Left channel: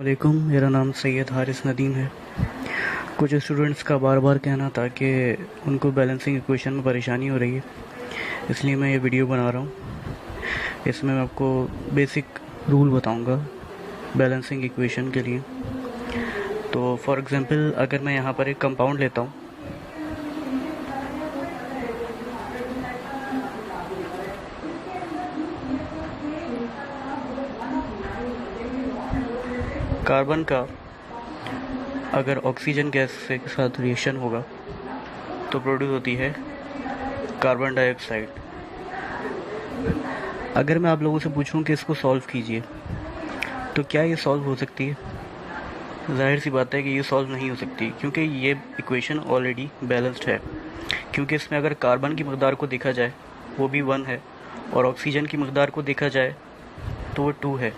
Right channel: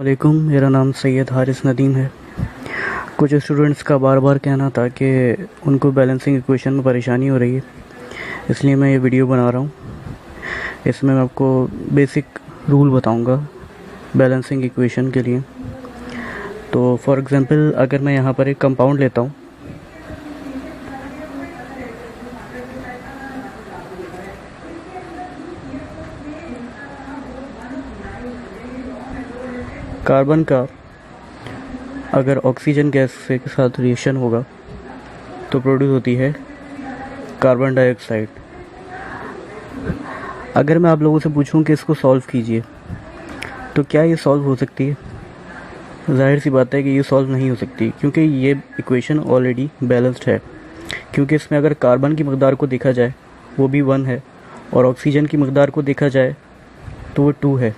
वालेकुम, मेरा नाम सैयद हारिस नदीम है। कुछ स्टूडेंट्स का बार बार कहना था कि उनको बैलेंसिंग इक्वेशन में परेशानी हो रही है, इसलिए मैं ये वीडियो बना रहा हूँ। इसमें मैं आपको बेसिक रूल बताऊँगा बैलेंसिंग इक्वेशन के लिए। तो फॉर एग्ज़ाम्पल अगर मैं यहाँ पर एक कंपाउंड लेता हूँ, कार्बन का अगर ऑक्सीजन गैस के साथ रिएक्शन होगा तो प्रोड्यूस होती है कार्बन डाइऑक्साइड। अगर मैं आप लोगों से पूछूं कि इसको सॉल्व कीजिए तो क्या ये सॉल्व हो सकती है? जाहिर सी बात है कि ये सॉल्व नहीं हो सकती, क्योंकि ये इक्वेशन ऑलरेडी बैलेंस्ड है। क्योंकि इसमें अगर कार्बन की मकदार को देखा जाए वो भी 1 है और ऑक्सीजन की मकदार को देखा जाए तो वो 2 है।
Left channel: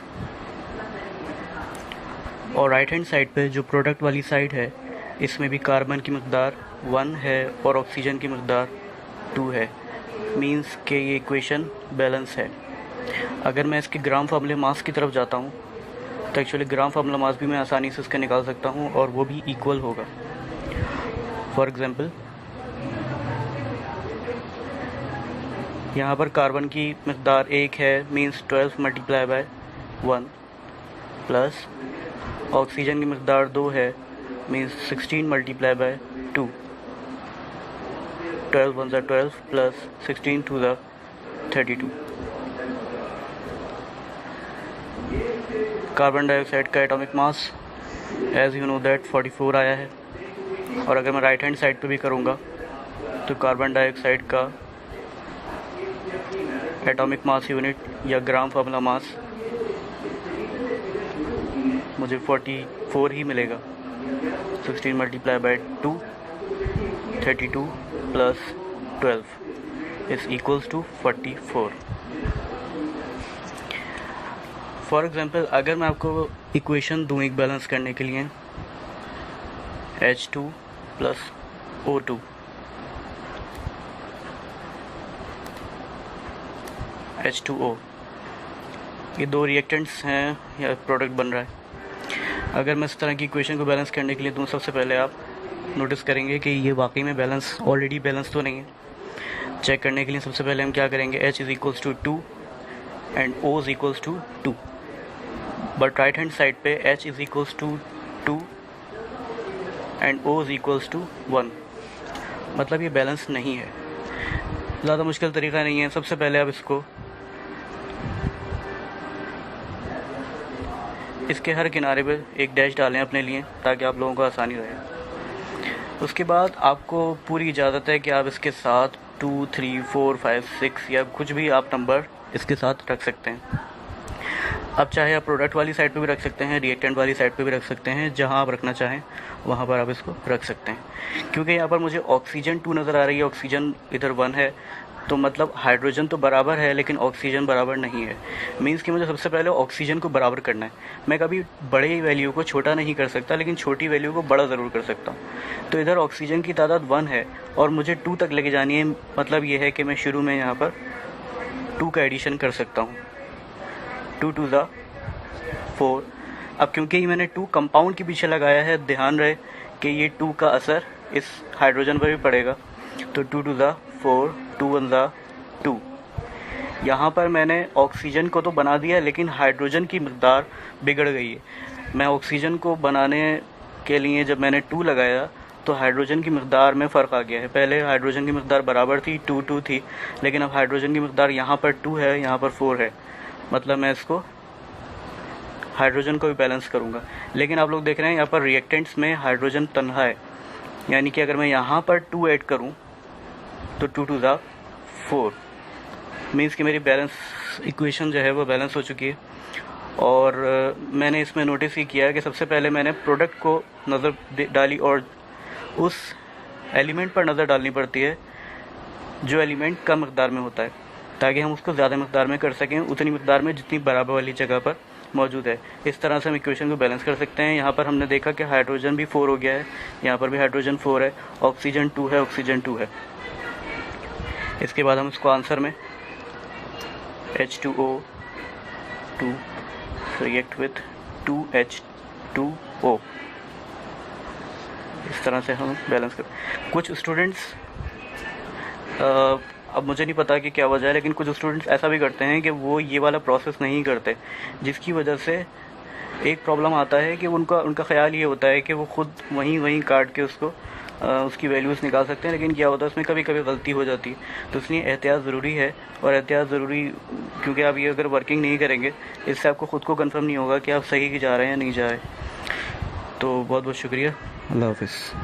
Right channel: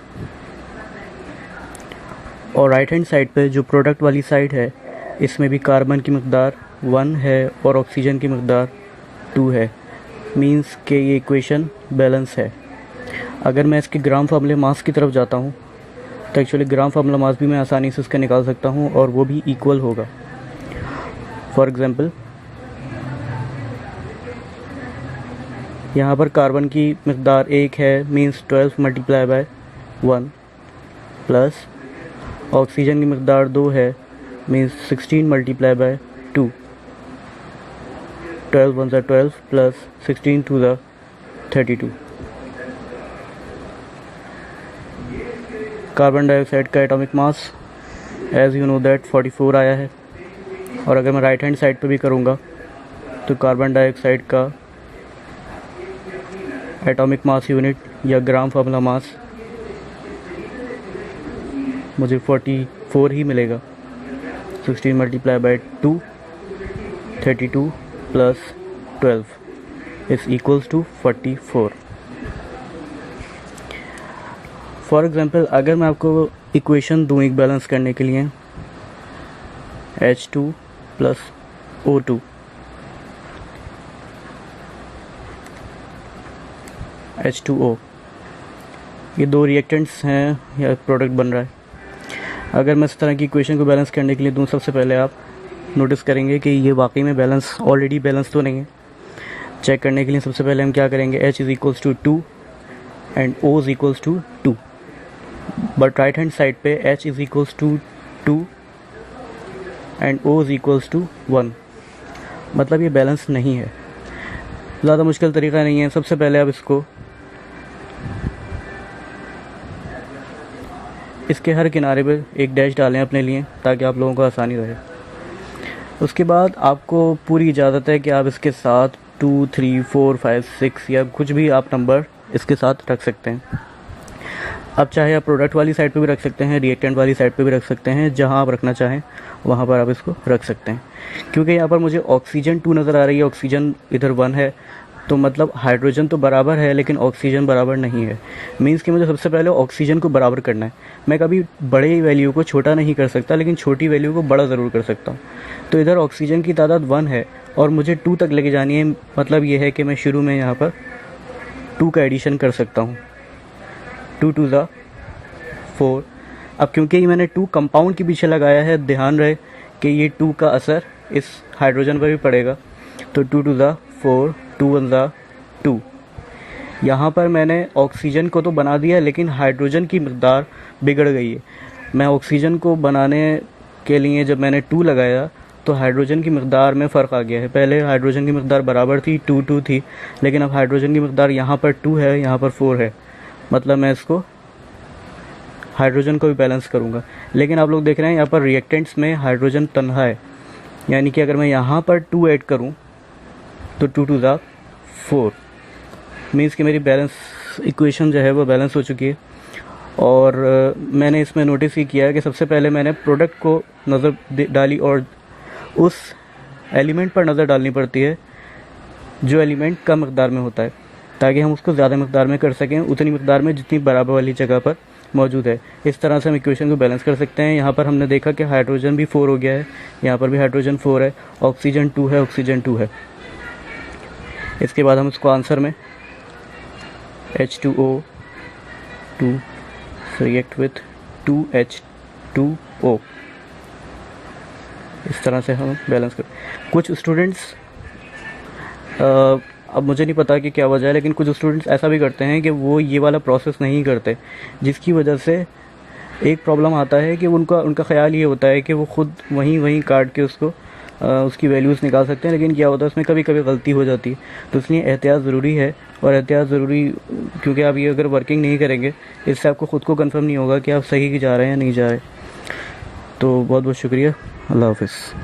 और राइट हैंड साइड पे जो प्रोडक्ट वाली साइड है इसमें भी कार्बन की मकदार 1 है और ऑक्सीजन की मकदार 2 है। मींस कि ये इक्वेशन बैलेंस है। अगर मैं इसके ग्राम फार्मूले मास की तरफ जाता हूँ तो एक्चुअली ग्राम फार्मूला मास भी मैं आसानी से इसका निकाल सकता हूँ और वो भी इक्वल होगा। फॉर एग्ज़ाम्पल यहाँ पर कार्बन की मकदार 1 है, means 12 multiply by 1 plus oxygen की मकदार 2 है, means 16 multiply by 2। 12 1 12 plus 16 2 32। Carbon dioxide का atomic mass as you know that 44 आया है। और अगर मैं राइट हैंड साइड पे भी करूँगा तो कार्बन डाइऑक्साइड का एटॉमिक मास यूनिट या ग्राम फार्मूला मास मुझे 44 ही मिलेगा। 16 multiply by 2 32 plus 12 is equals to 44। For example अगर मैं आपको इक्वेशन दूँ एक बैलेंस करने के लिए H2 प्लस O2 H2O, ये दो रिएक्टेंट्स हैं या प्रोडक्ट बन रहा है। अगर मैं इस तरह की इक्वेशन को बैलेंस करने के लिए दूँ, सबसे पहले आप नोटिस करेंगे कि ये वाकई में बैलेंस ऑलरेडी बैलेंस तो नहीं है। चेक करने के लिए सबसे पहले हम क्या करेंगे, H is equals to 2 and O is equals to 2। But right hand side पे H is equals to 2 and O is equals to 1, मतलब ये बैलेंस नहीं है। ज़्यादा मुश्किल तरीका नहीं है। सबसे पहले आप इसके हर किनारे पे एक डैश डालें अपने लिए, ताकि आप लोगों को आसानी रहे। उसके बाद आपको पूरी इजाज़त है कि आप इसके साथ 2 3 4 5 6 या कुछ भी आप नंबर इसके साथ रख सकते हैं। अब चाहे आप प्रोडक्ट वाली साइड पे भी रख सकते हैं, रिएक्टेंट वाली साइड पे भी रख सकते हैं, जहां आप रखना चाहें वहां पर आप इसको रख सकते हैं। क्योंकि यहाँ पर मुझे ऑक्सीजन 2 नज़र आ रही है, ऑक्सीजन इधर 1 है, तो मतलब हाइड्रोजन तो बराबर है लेकिन ऑक्सीजन बराबर नहीं है। मींस कि मुझे सबसे पहले ऑक्सीजन को बराबर करना है। मैं कभी बड़े वैल्यू को छोटा नहीं कर सकता, लेकिन छोटी वैल्यू को बड़ा ज़रूर कर सकता हूँ। तो इधर ऑक्सीजन की तादाद 1 है और मुझे 2 तक लेके जानी है। मतलब ये है कि मैं शुरू में यहाँ पर 2 का एडिशन कर सकता हूँ। 2 2 ज़ा 4। अब क्योंकि मैंने 2 कंपाउंड के पीछे लगाया है, ध्यान रहे कि ये 2 का असर इस हाइड्रोजन पर भी पड़ेगा। तो 2 2 ज़ा 4, 2 1 ज़ा 2। यहाँ पर मैंने ऑक्सीजन को तो बना दिया, लेकिन हाइड्रोजन की मकदार बिगड़ गई है। मैं ऑक्सीजन को बनाने के लिए जब मैंने 2 लगाया तो हाइड्रोजन की मकदार में फ़र्क आ गया है। पहले हाइड्रोजन की मकदार बराबर थी, 2 2 थी, लेकिन अब हाइड्रोजन की मकदार यहाँ पर 2 है, यहाँ पर 4 है। मतलब मैं इसको हाइड्रोजन को भी बैलेंस करूँगा। लेकिन आप लोग देख रहे हैं यहाँ पर रिएक्टेंट्स में हाइड्रोजन तन्हा है, यानी कि अगर मैं यहाँ पर 2 ऐड करूँ तो 2 2 ज़ा 4। मीन्स कि मेरी बैलेंस इक्वेशन जो है वो बैलेंस हो चुकी है। और मैंने इसमें नोटिस ही किया है कि सबसे पहले मैंने प्रोडक्ट को नज़र डाली और उस एलिमेंट पर नज़र डालनी पड़ती है जो एलिमेंट कम मकदार में होता है, ताकि हम उसको ज़्यादा मकदार में कर सकें, उतनी मकदार में जितनी बराबर वाली जगह पर मौजूद है। इस तरह से हम इक्वेशन को बैलेंस कर सकते हैं। यहाँ पर हमने देखा कि हाइड्रोजन भी 4 हो गया है, यहाँ पर भी हाइड्रोजन 4 है, ऑक्सीजन 2 है, ऑक्सीजन 2 है। इसके बाद हम इसको आंसर में H2O2 react with 2H 2O। इस तरह से हम बैलेंस कर। कुछ स्टूडेंट्स, अब मुझे नहीं पता कि क्या वजह है, लेकिन कुछ स्टूडेंट्स ऐसा भी करते हैं कि वो ये वाला प्रोसेस नहीं करते, जिसकी वजह से एक प्रॉब्लम आता है कि उनका ख़्याल ये होता है कि वो खुद वहीं काट के उसको उसकी वैल्यूज़ निकाल सकते हैं, लेकिन क्या होता है उसमें कभी कभी गलती हो जाती है। तो इसलिए एहतियात ज़रूरी है, और एहतियात ज़रूरी क्योंकि आप ये अगर वर्किंग नहीं करेंगे, इससे आपको ख़ुद को कंफर्म नहीं होगा कि आप सही जा रहे हैं या नहीं जा रहे। तो बहुत बहुत शुक्रिया। अल्लाह हाफ़िज़।